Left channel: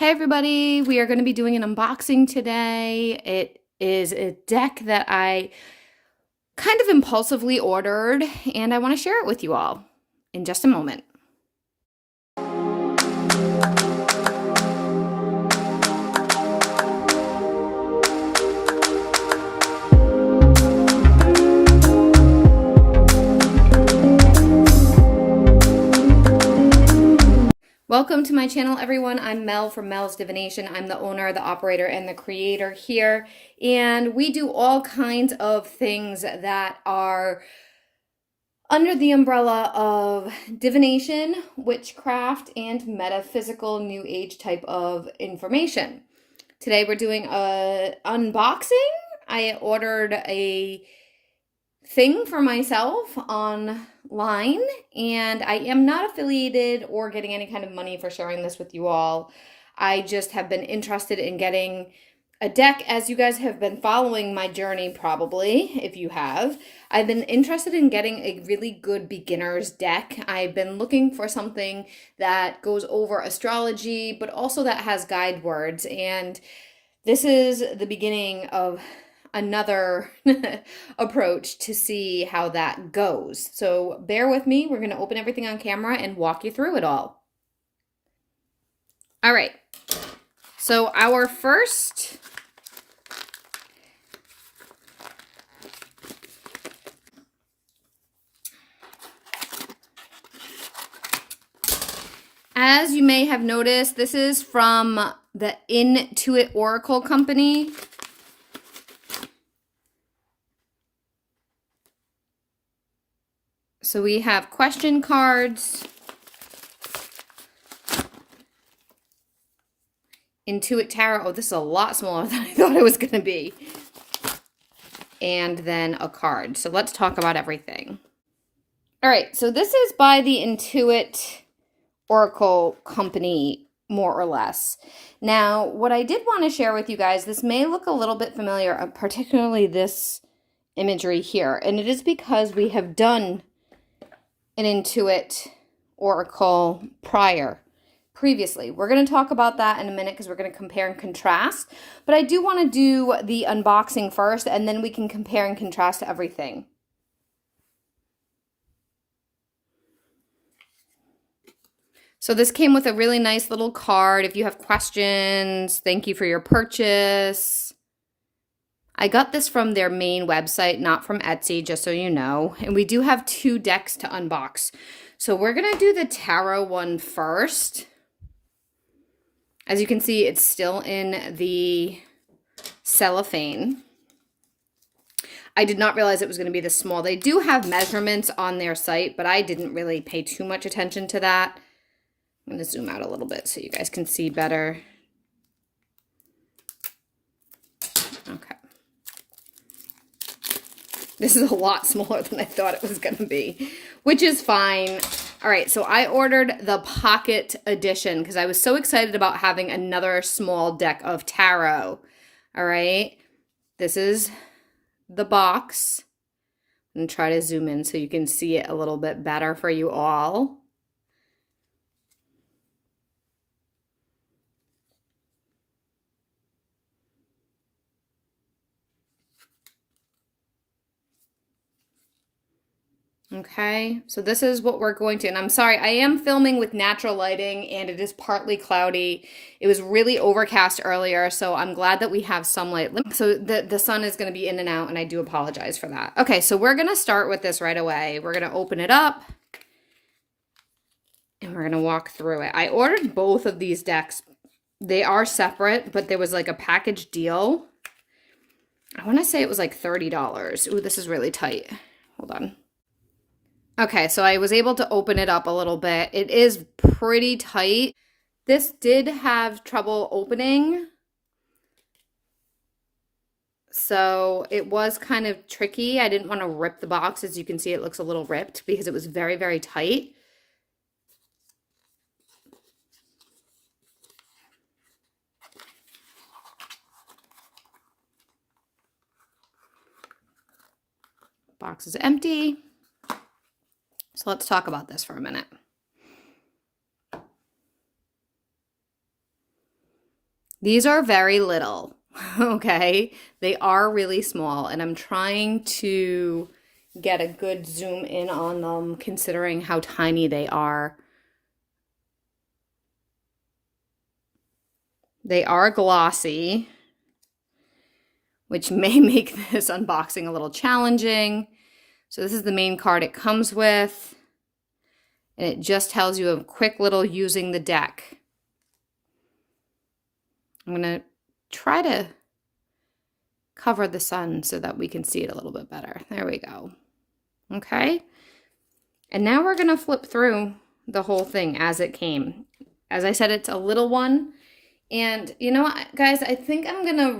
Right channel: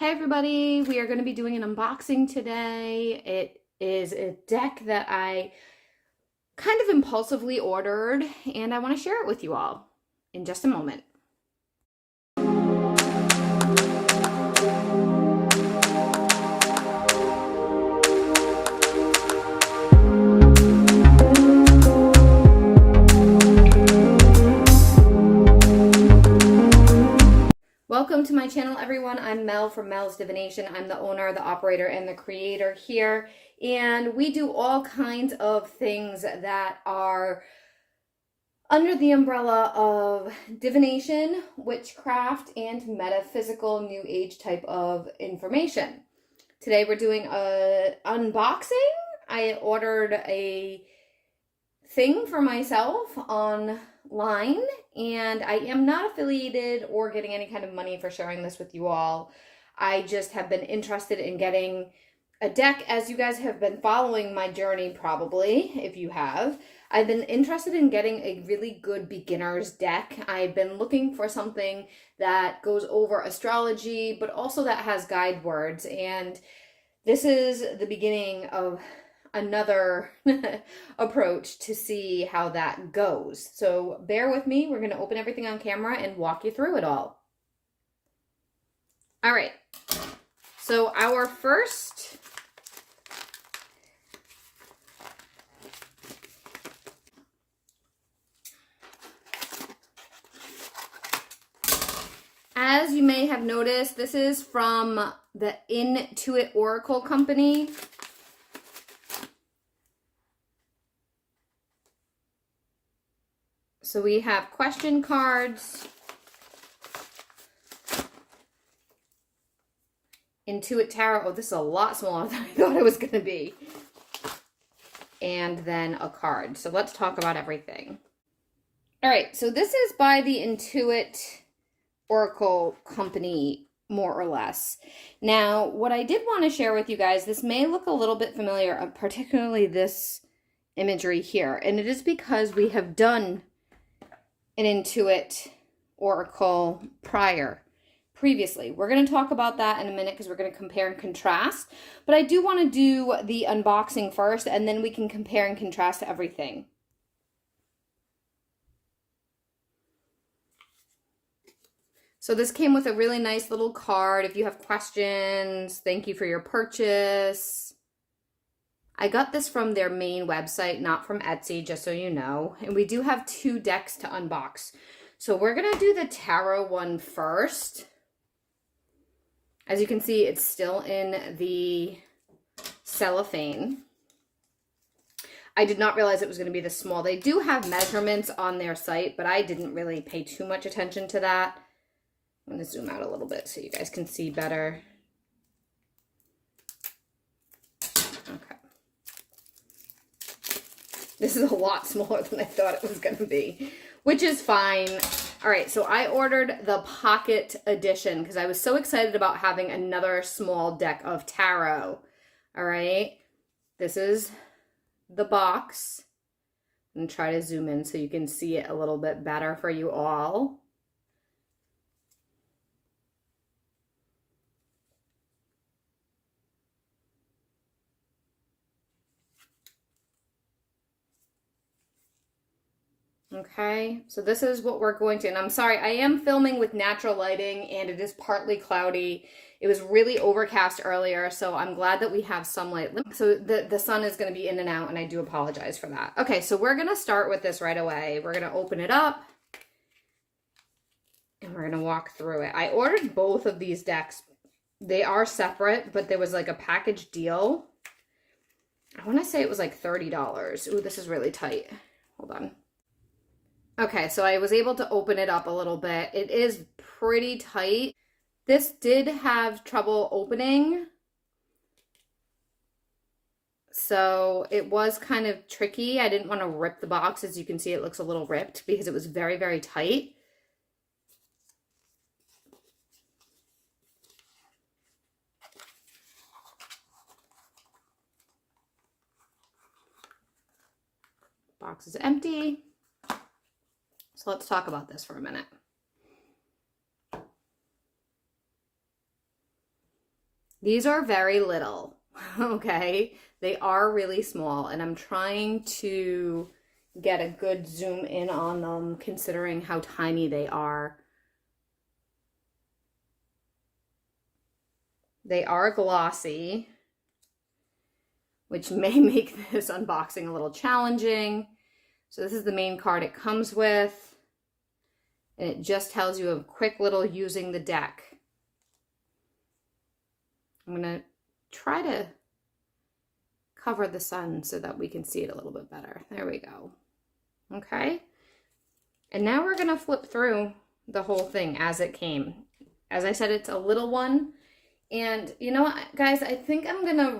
Hey everybody, we are going to be doing an unboxing today. It is a deck that I kind of impulsively ordered and I want to share it with you all in just a moment. Welcome to my channel, everyone. I'm Mel from Mel's Divination. I'm the owner, the operator, and the creator here. And we do all kinds of things that are under the umbrella of divination, witchcraft, and metaphysical new age type of information. Today we're doing an unboxing. I ordered a thing for myself online, and I am not affiliated or getting any kind of money for sharing this with you all. I just have been interested in getting a deck, as you guys have been following my journey, probably, if you have. I've been interested in getting a really good beginner's deck. I've been looking for something that goes over astrology, but also that has guide words, and this is the beginning of another approach to see how that goes. So bear with me. We're going to open everything on camera and walk you through it all. All right. So our first as you may have noticed, this is from the in2it Oracle company. So we have question cards, in2it Tarot. Oh, this is a lot smaller than I thought it was going to be. And then a card. So let's talk about everything. All right, so this is by the in2it Oracle company, more or less. Now, what I did want to share with you guys, this may look a little bit familiar, particularly this imagery here. And it is because we have done an in2it Oracle previously. We're going to talk about that in a minute because we're going to compare and contrast. But I do want to do the unboxing first, and then we can compare and contrast everything. So this came with a really nice little card. If you have questions, thank you for your purchase. I got this from their main website, not from Etsy, just so you know. And we do have 2 decks to unbox. So we're going to do the tarot one first. As you can see, it's still in the cellophane. I did not realize it was going to be this small. They do have measurements on their site, but I didn't really pay too much attention to that. I'm going to zoom out a little bit so you guys can see better. Okay. This is a lot smaller than I thought it was going to be, which is fine. All right, so I ordered the pocket edition because I was so excited about having another small deck of tarot. All right, this is the box. I'm going to try to zoom in so you can see it a little bit better for you all. Okay, so this is what we're going to, and I'm sorry, I am filming with natural lighting and it is partly cloudy. It was really overcast earlier, so I'm glad that we have some light. So the sun is going to be in and out, and I do apologize for that. Okay, so we're going to start with this right away. We're going to open it up and we're going to walk through it. I ordered both of these decks. They are separate, but there was like a package deal. I want to say it was like $30. Ooh, this is really tight. Hold on. Okay, so I was able to open it up a little bit. It is pretty tight. This did have trouble opening, so it was kind of tricky. I didn't want to rip the box. As you can see, it looks a little ripped because it was very, very tight. Box is empty. So let's talk about this for a minute. These are very little, okay? They are really small, and I'm trying to get a good zoom in on them considering how tiny they are. They are glossy, which may make this unboxing a little challenging. So this is the main card it comes with, and it just tells you a quick little using the deck. I'm gonna try to cover the sun so that we can see it a little bit better. There we go. Okay. And now we're gonna flip through the whole thing as it came. As I said, it's a little one. And you know what, guys, I think I'm gonna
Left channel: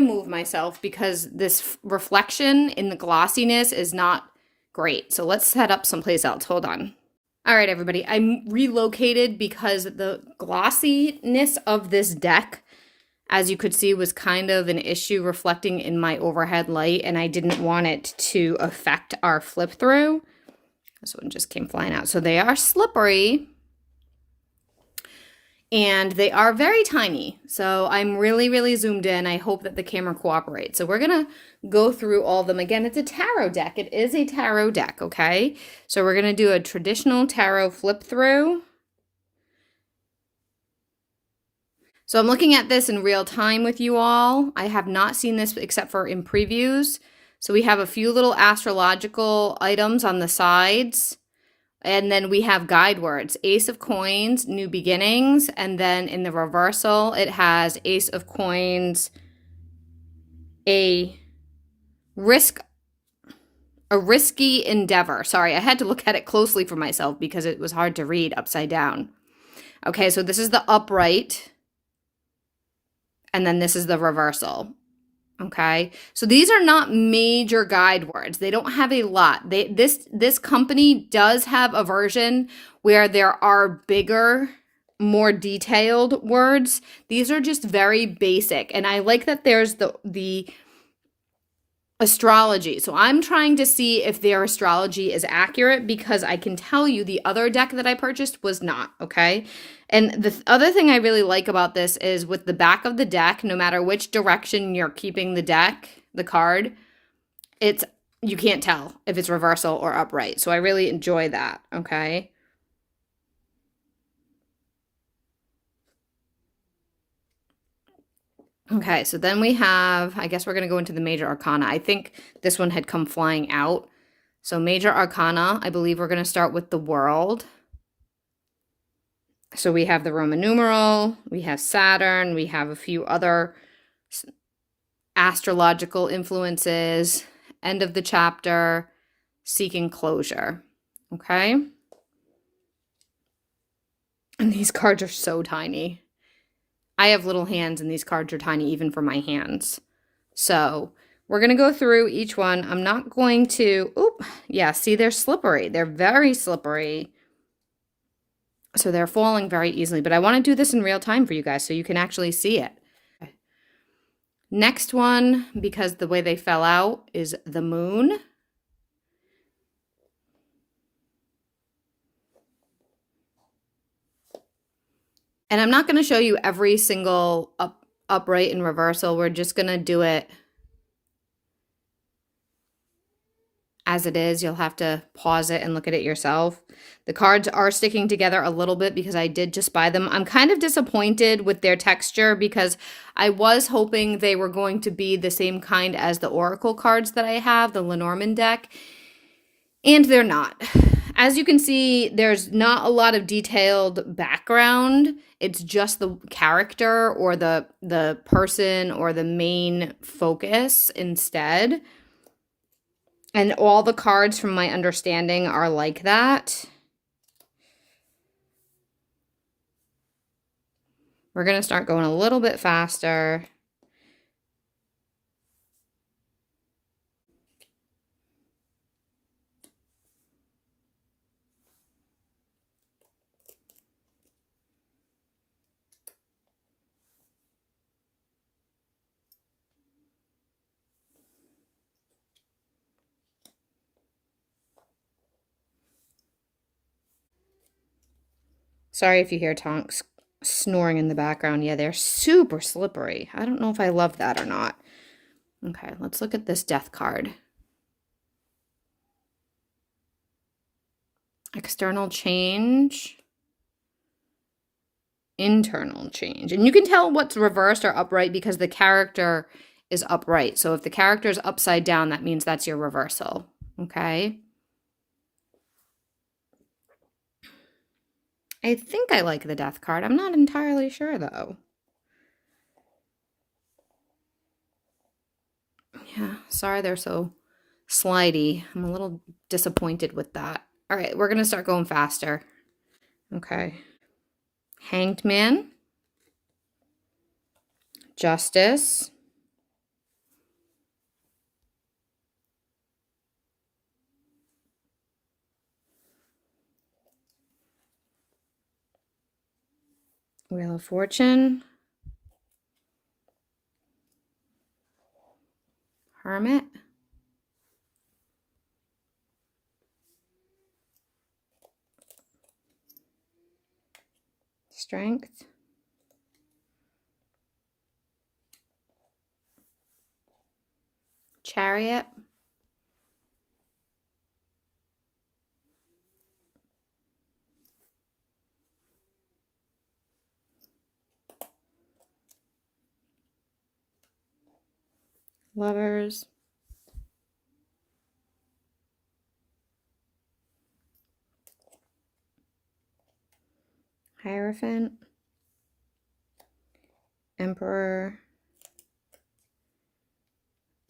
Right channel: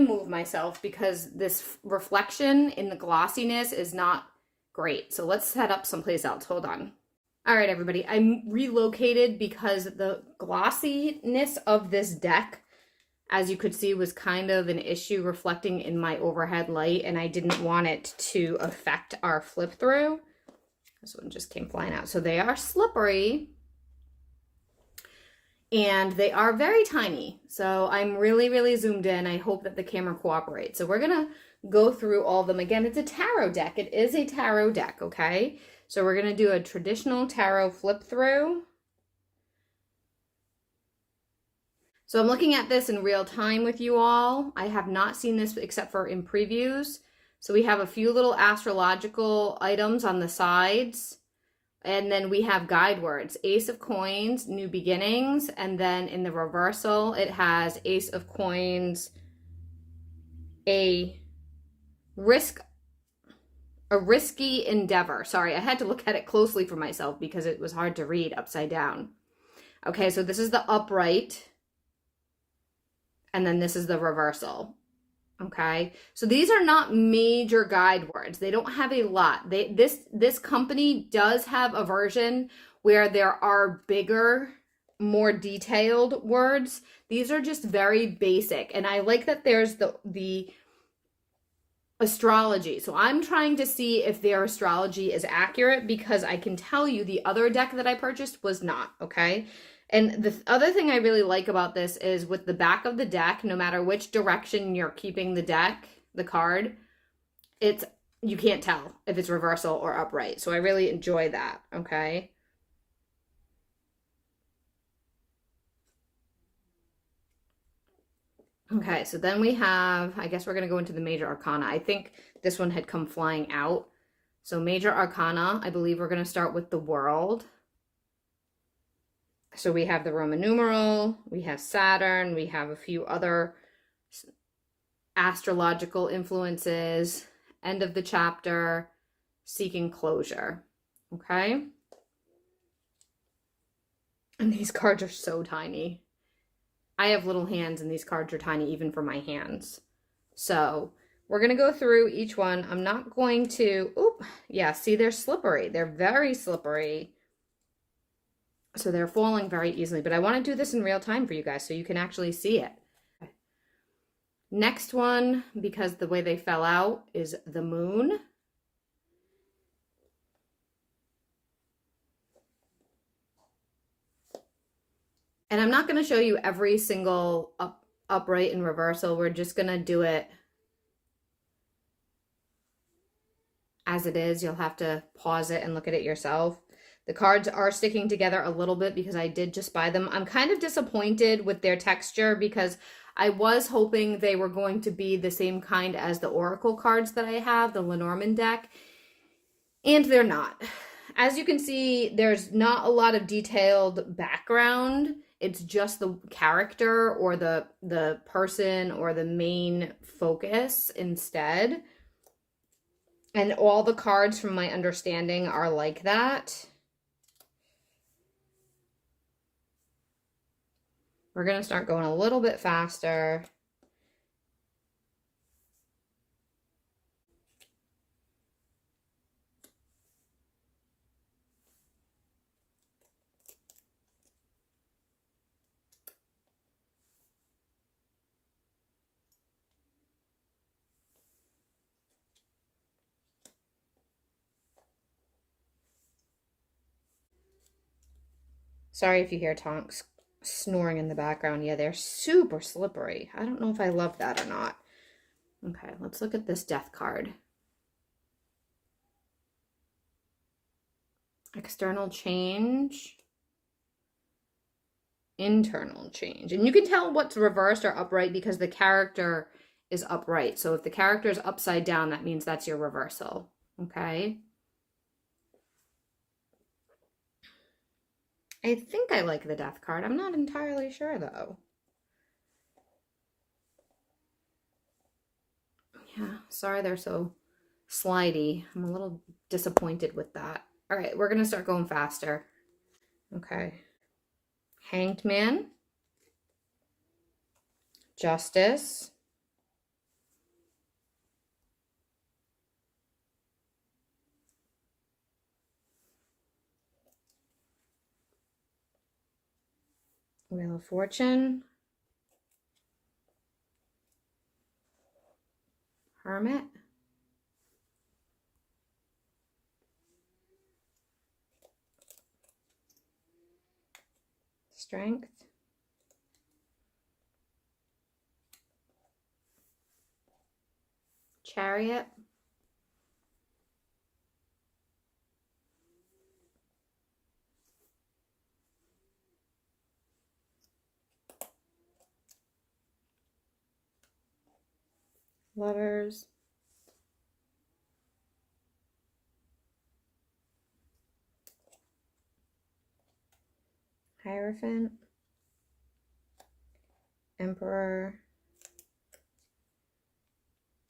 move myself because this reflection in the glossiness is not great. So let's set up someplace else. Hold on. All right, everybody, I'm relocated because the glossiness of this deck, as you could see, was kind of an issue reflecting in my overhead light, and I didn't want it to affect our flip through. This one just came flying out. So they are slippery, and they are very tiny. So I'm really, really zoomed in. I hope that the camera cooperates. So we're gonna go through all of them. Again, it's a tarot deck. It is a tarot deck, okay? So we're gonna do a traditional tarot flip through. So I'm looking at this in real time with you all. I have not seen this except for in previews. So we have a few little astrological items on the sides. And then we have guide words, Ace of Coins, New Beginnings. And then in the reversal, it has Ace of Coins, a risky endeavor. Sorry, I had to look at it closely for myself because it was hard to read upside down. Okay, so this is the upright. And then this is the reversal. Okay, so these are not major guide words. They don't have a lot. This company does have a version where there are bigger, more detailed words. These are just very basic, and I like that there's the astrology. So I'm trying to see if their astrology is accurate because I can tell you the other deck that I purchased was not, okay? And the other thing I really like about this is with the back of the deck, no matter which direction you're keeping the deck, the card, you can't tell if it's reversal or upright. So I really enjoy that, okay? Okay, so then we have, I guess we're going to go into the major arcana. I think this one had come flying out. So major arcana, I believe we're going to start with the world. So we have the Roman numeral, we have Saturn, we have a few other astrological influences, end of the chapter, seeking closure. Okay? And these cards are so tiny. I have little hands and these cards are tiny even for my hands. So we're going to go through each one. I'm not going to, yeah, see, they're slippery. They're very slippery. So they're falling very easily, but I want to do this in real time for you guys so you can actually see it. Next one, because the way they fell out, is the moon. And I'm not going to show you every single upright and reversal. We're just going to do it as it is. You'll have to pause it and look at it yourself. The cards are sticking together a little bit because I did just buy them. I'm kind of disappointed with their texture because I was hoping they were going to be the same kind as the Oracle cards that I have, the Lenormand deck, and they're not. As you can see, there's not a lot of detailed background. It's just the character or the person or the main focus instead. And all the cards, from my understanding, are like that. We're going to start going a little bit faster. Sorry if you hear tonks. snoring in the background. Yeah, they're super slippery. I don't know if I love that or not. Okay, let's look at this death card. External change. Internal change. And you can tell what's reversed or upright because the character is upright. So if the character is upside down, that means that's your reversal. Okay. I think I like the death card. I'm not entirely sure though. Yeah, sorry they're so slidey. I'm a little disappointed with that. All right, we're going to start going faster. Okay. Hanged Man. Justice. Wheel of Fortune. Hermit. Strength. Chariot. Lovers. Hierophant. Emperor.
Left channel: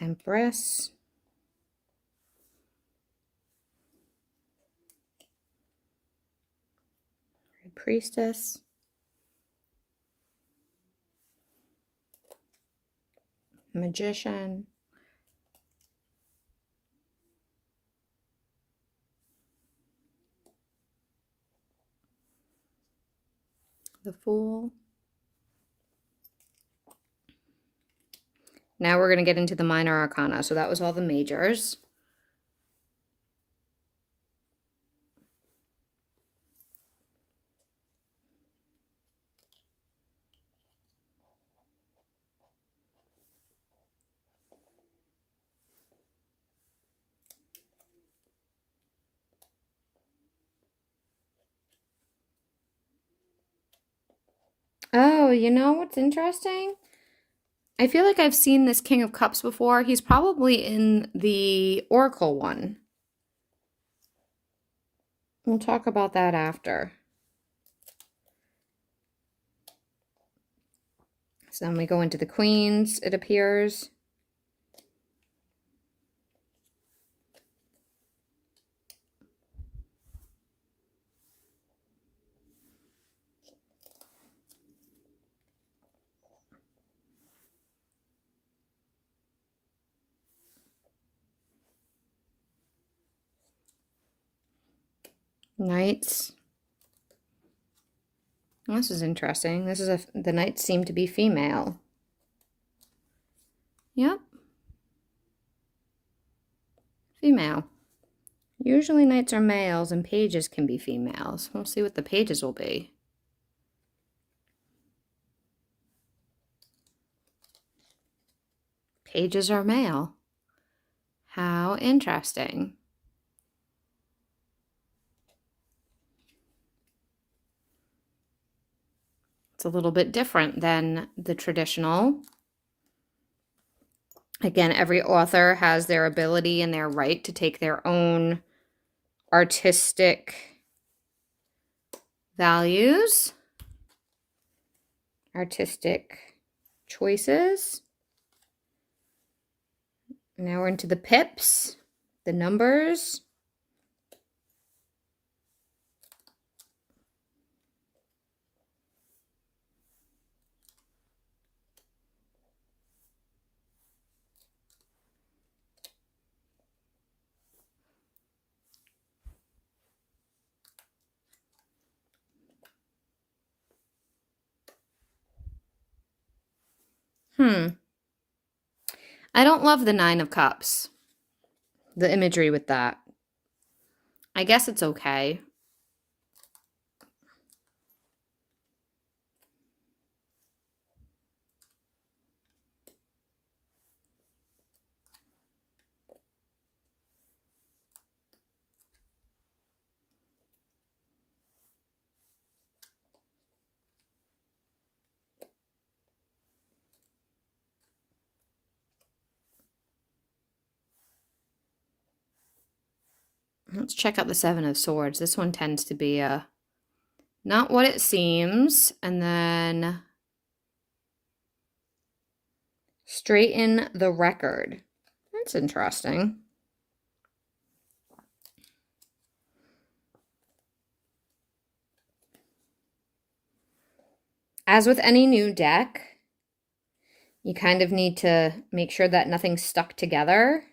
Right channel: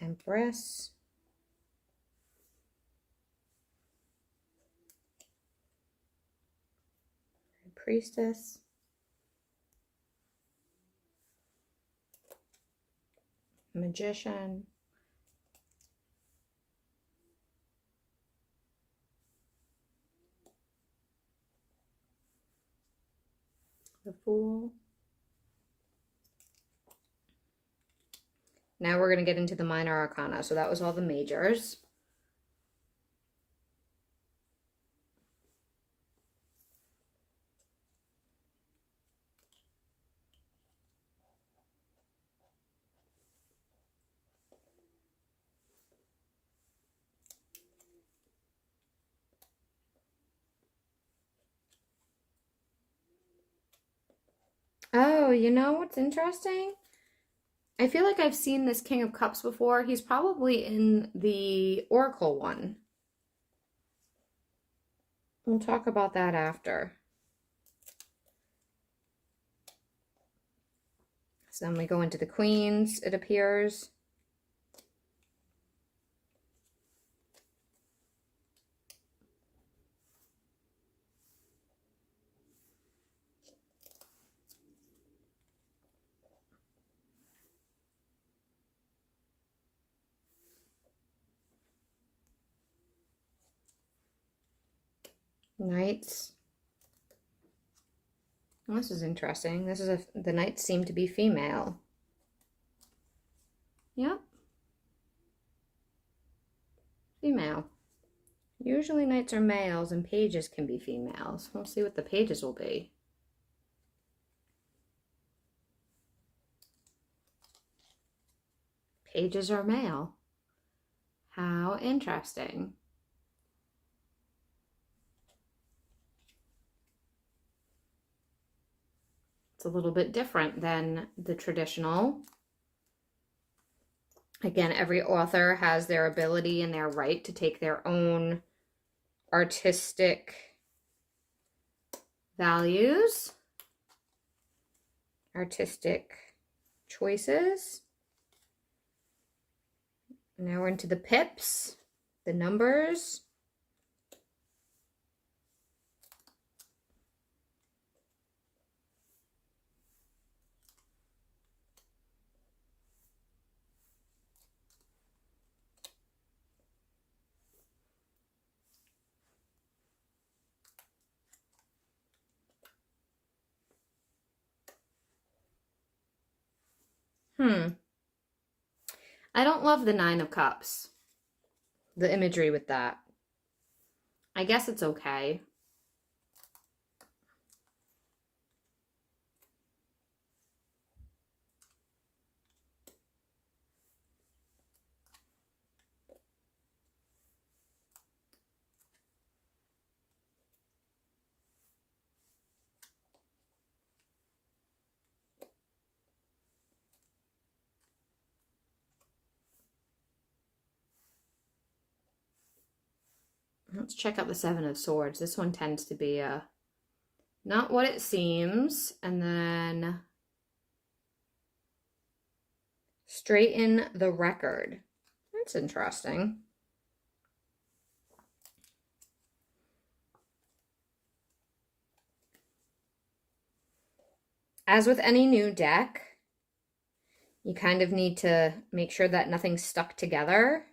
Empress. Priestess. Magician. The Fool. Now we're going to get into the minor arcana. So that was all the majors. Oh, you know what's interesting? I feel like I've seen this King of Cups before. He's probably in the Oracle one. We'll talk about that after. So then we go into the Queens, it appears. Knights. This is interesting. This is the knights seem to be female. Yep. Female. Usually knights are males and pages can be females. We'll see what the pages will be. Pages are male. How interesting. It's a little bit different than the traditional. Again, every author has their ability and their right to take their own artistic values, artistic choices. Now we're into the pips, the numbers. I don't love the Nine of Cups. The imagery with that. I guess it's okay. Let's check out the Seven of Swords. This one tends to be not what it seems. And then straighten the record. That's interesting. As with any new deck, you kind of need to make sure that nothing's stuck together.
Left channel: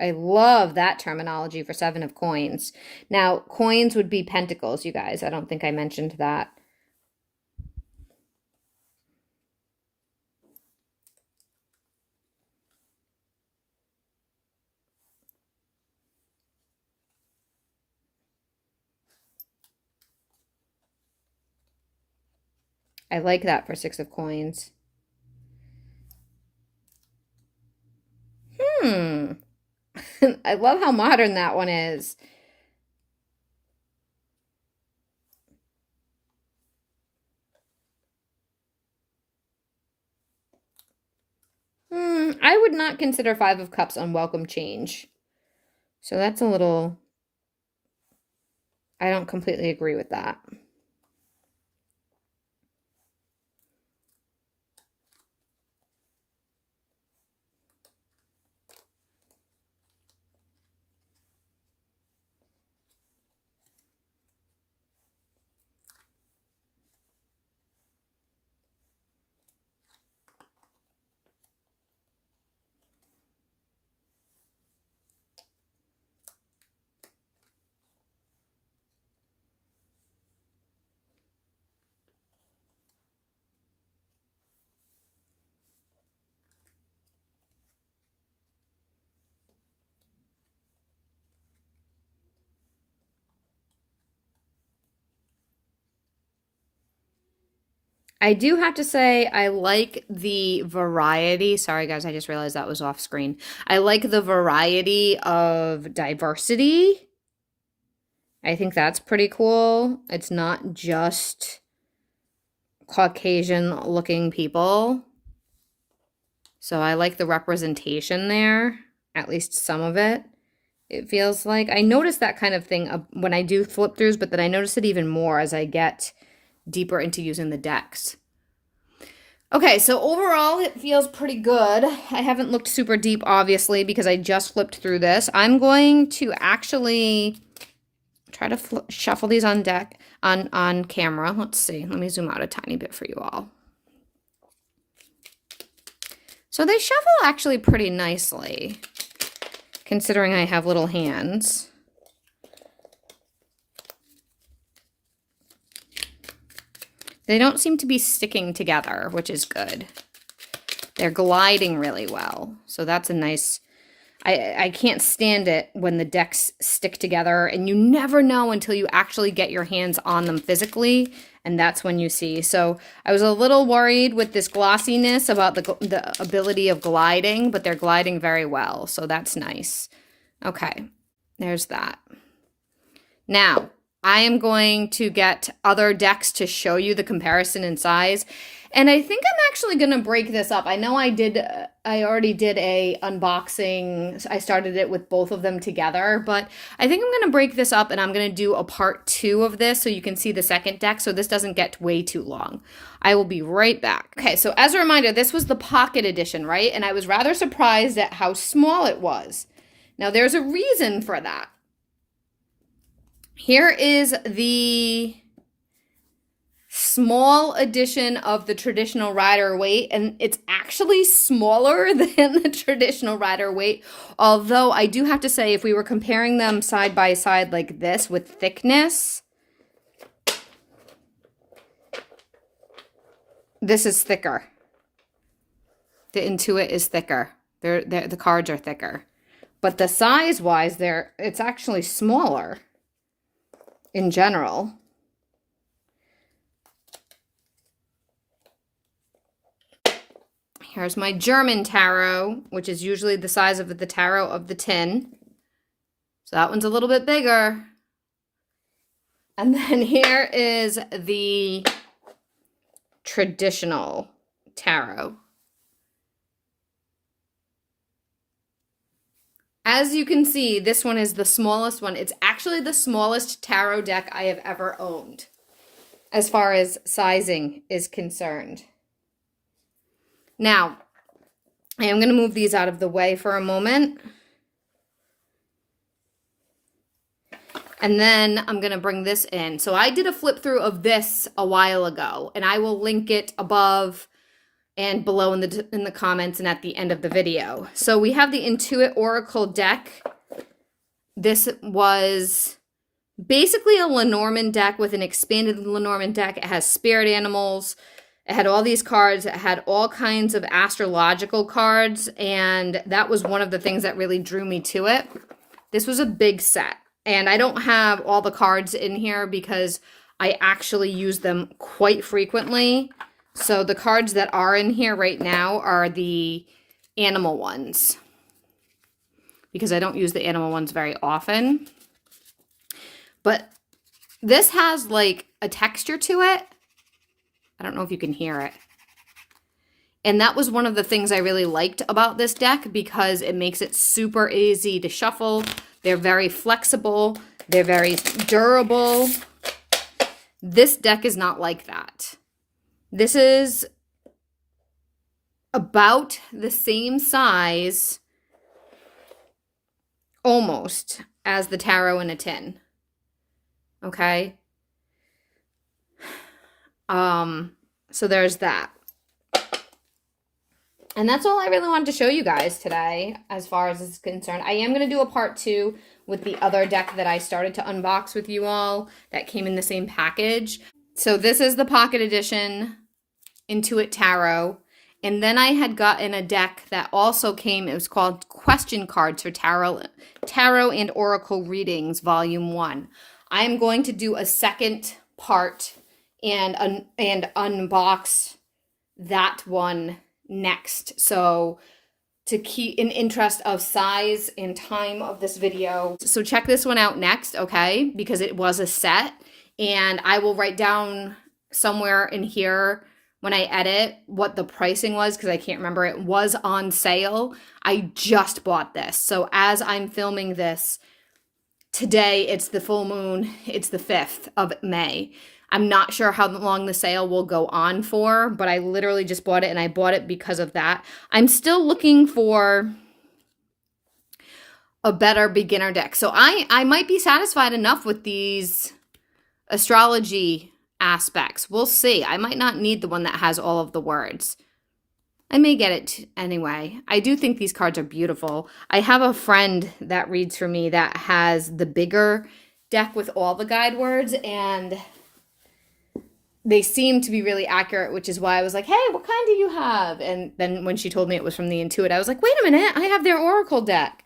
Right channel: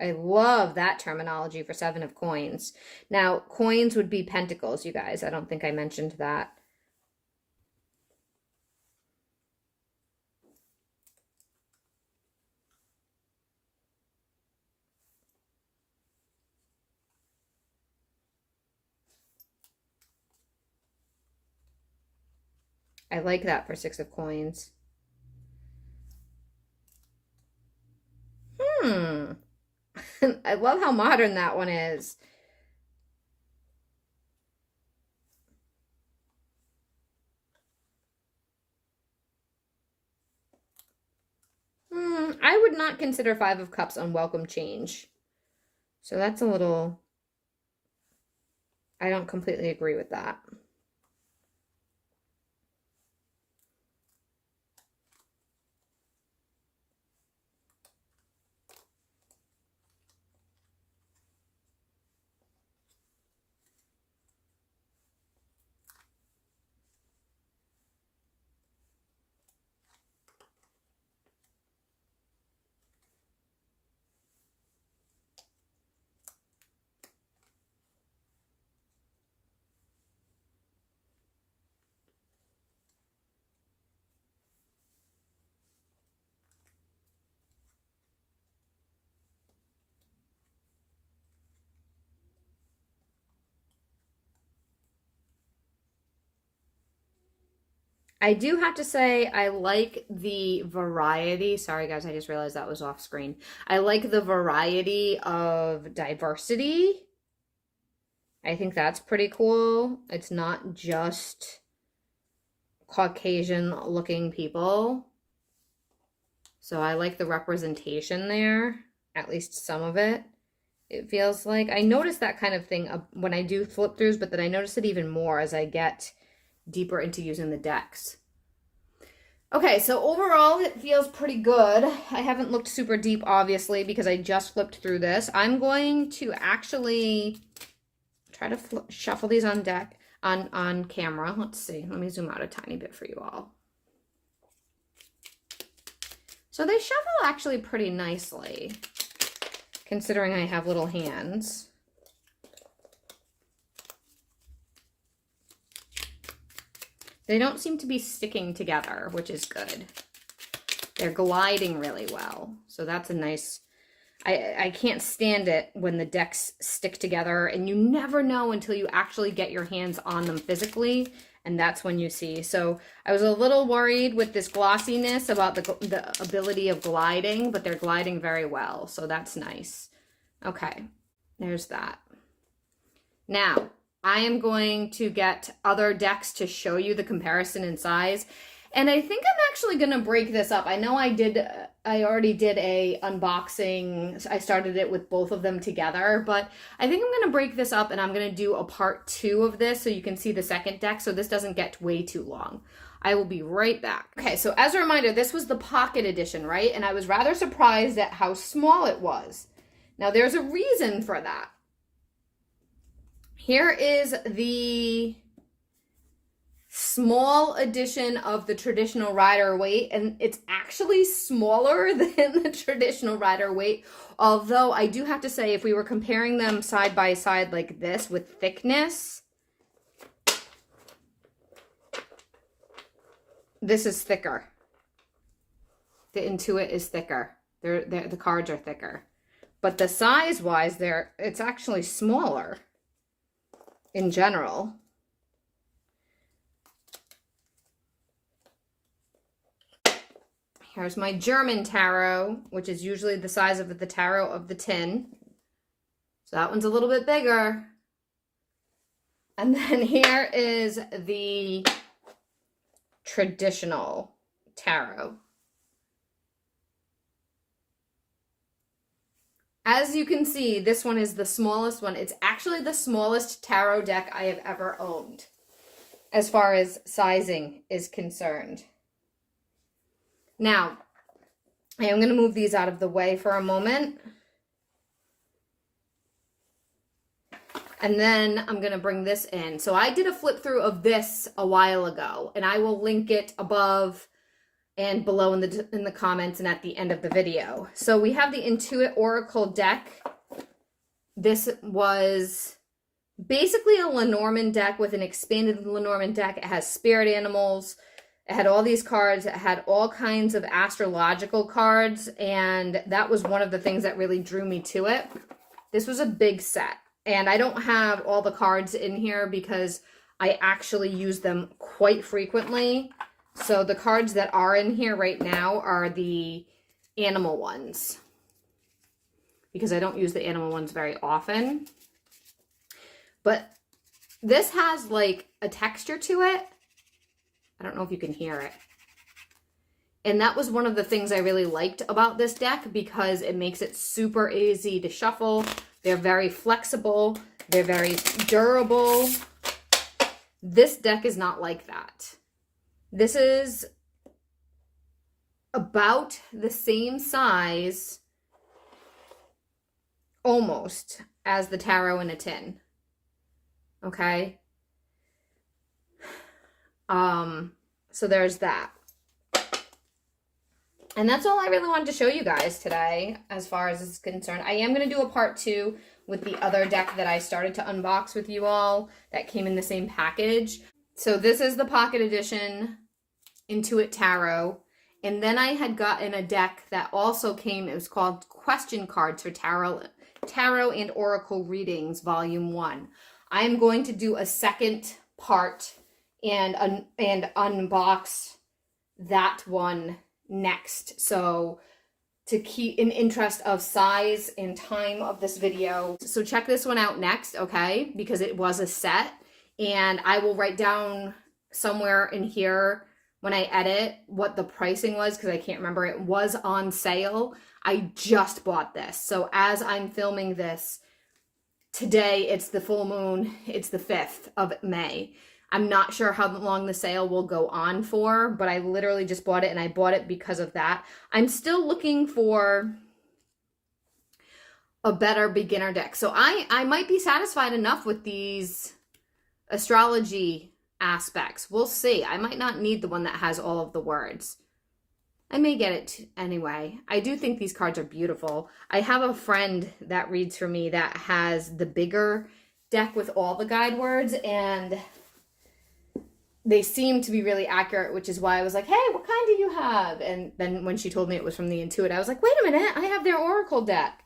I love that terminology for Seven of Coins. Now, coins would be pentacles, you guys. I don't think I mentioned that. I like that for Six of Coins. I love how modern that one is. I would not consider Five of Cups unwelcome change. So that's a little... I don't completely agree with that. I do have to say I like the variety. Sorry, guys, I just realized that was off screen. I like the variety of diversity. I think that's pretty cool. It's not just Caucasian-looking people. So I like the representation there, at least some of it. It feels like I notice that kind of thing when I do flip throughs, but then I notice it even more as I get deeper into using the decks. Okay, so overall it feels pretty good. I haven't looked super deep, obviously, because I just flipped through this. I'm going to actually try to shuffle these on deck, on camera. Let's see. Let me zoom out a tiny bit for you all. So they shuffle actually pretty nicely, considering I have little hands. They don't seem to be sticking together, which is good. They're gliding really well. So that's a nice... I can't stand it when the decks stick together and you never know until you actually get your hands on them physically, and that's when you see. So I was a little worried with this glossiness about the ability of gliding, but they're gliding very well, so that's nice. Okay, there's that. Now, I am going to get other decks to show you the comparison in size. And I think I'm actually going to break this up. I know I already did a unboxing. I started it with both of them together, but I think I'm going to break this up and I'm going to do a part 2 of this so you can see the second deck so this doesn't get way too long. I will be right back. Okay, so as a reminder, this was the pocket edition, right? And I was rather surprised at how small it was. Now there's a reason for that. Here is the small edition of the traditional Rider-Waite, and it's actually smaller than the traditional Rider-Waite, although I do have to say if we were comparing them side by side like this with thickness, this is thicker. The in2it is thicker. The cards are thicker, but the size-wise, it's actually smaller in general. Here's my German tarot, which is usually the size of the tarot of the tin. So that one's a little bit bigger. And then here is the traditional tarot. As you can see, this one is the smallest one. It's actually the smallest tarot deck I have ever owned, as far as sizing is concerned. Now, I am going to move these out of the way for a moment. And then I'm going to bring this in. So I did a flip through of this a while ago, and I will link it above and below in the comments and at the end of the video. So we have the in2it Oracle deck. This was basically a Lenormand deck with an expanded Lenormand deck. It has spirit animals. It had all these cards. It had all kinds of astrological cards, and that was one of the things that really drew me to it. This was a big set, and I don't have all the cards in here because I actually use them quite frequently. So the cards that are in here right now are the animal ones, because I don't use the animal ones very often. But this has like a texture to it. I don't know if you can hear it. And that was one of the things I really liked about this deck, because it makes it super easy to shuffle. They're very flexible. They're very durable. This deck is not like that. This is about the same size, almost, as the tarot in a tin. Okay? So there's that. And that's all I really wanted to show you guys today, as far as this is concerned. I am going to do a part 2 with the other deck that I started to unbox with you all that came in the same package. So this is the Pocket Edition in2it Tarot. And then I had gotten a deck that also came, it was called Question Cards for Tarot and Oracle Readings, Volume 1. I am going to do a second part and unbox that one next. So to keep in interest of size and time of this video. So check this one out next, okay? Because it was a set, and I will write down somewhere in here when I edit what the pricing was, because I can't remember. It was on sale. I just bought this. So as I'm filming this today, it's the full moon. It's the 5th of May. I'm not sure how long the sale will go on for, but I literally just bought it, and I bought it because of that. I'm still looking for a better beginner deck. So I might be satisfied enough with these astrology aspects. We'll see. I might not need the one that has all of the words. I may get it anyway. I do think these cards are beautiful. I have a friend that reads for me that has the bigger deck with all the guide words, and they seem to be really accurate, which is why I was like, hey, what kind do you have? And then when she told me it was from the in2it, I was like, wait a minute, I have their Oracle deck.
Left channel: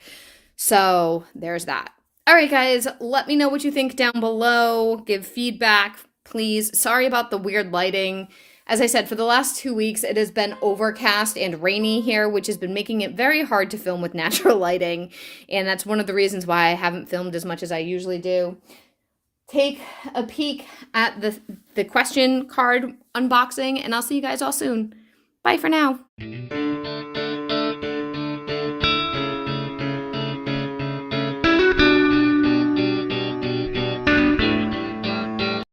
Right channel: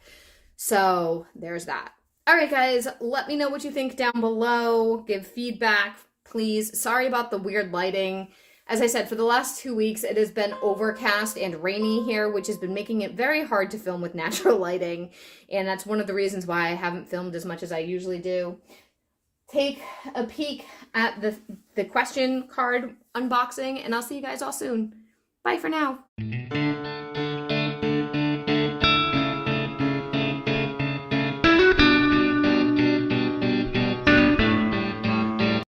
So there's that. All right, guys, let me know what you think down below. Give feedback, please. Sorry about the weird lighting. As I said, for the last 2 weeks, it has been overcast and rainy here, which has been making it very hard to film with natural lighting. And that's one of the reasons why I haven't filmed as much as I usually do. Take a peek at the question card unboxing, and I'll see you guys all soon. Bye for now.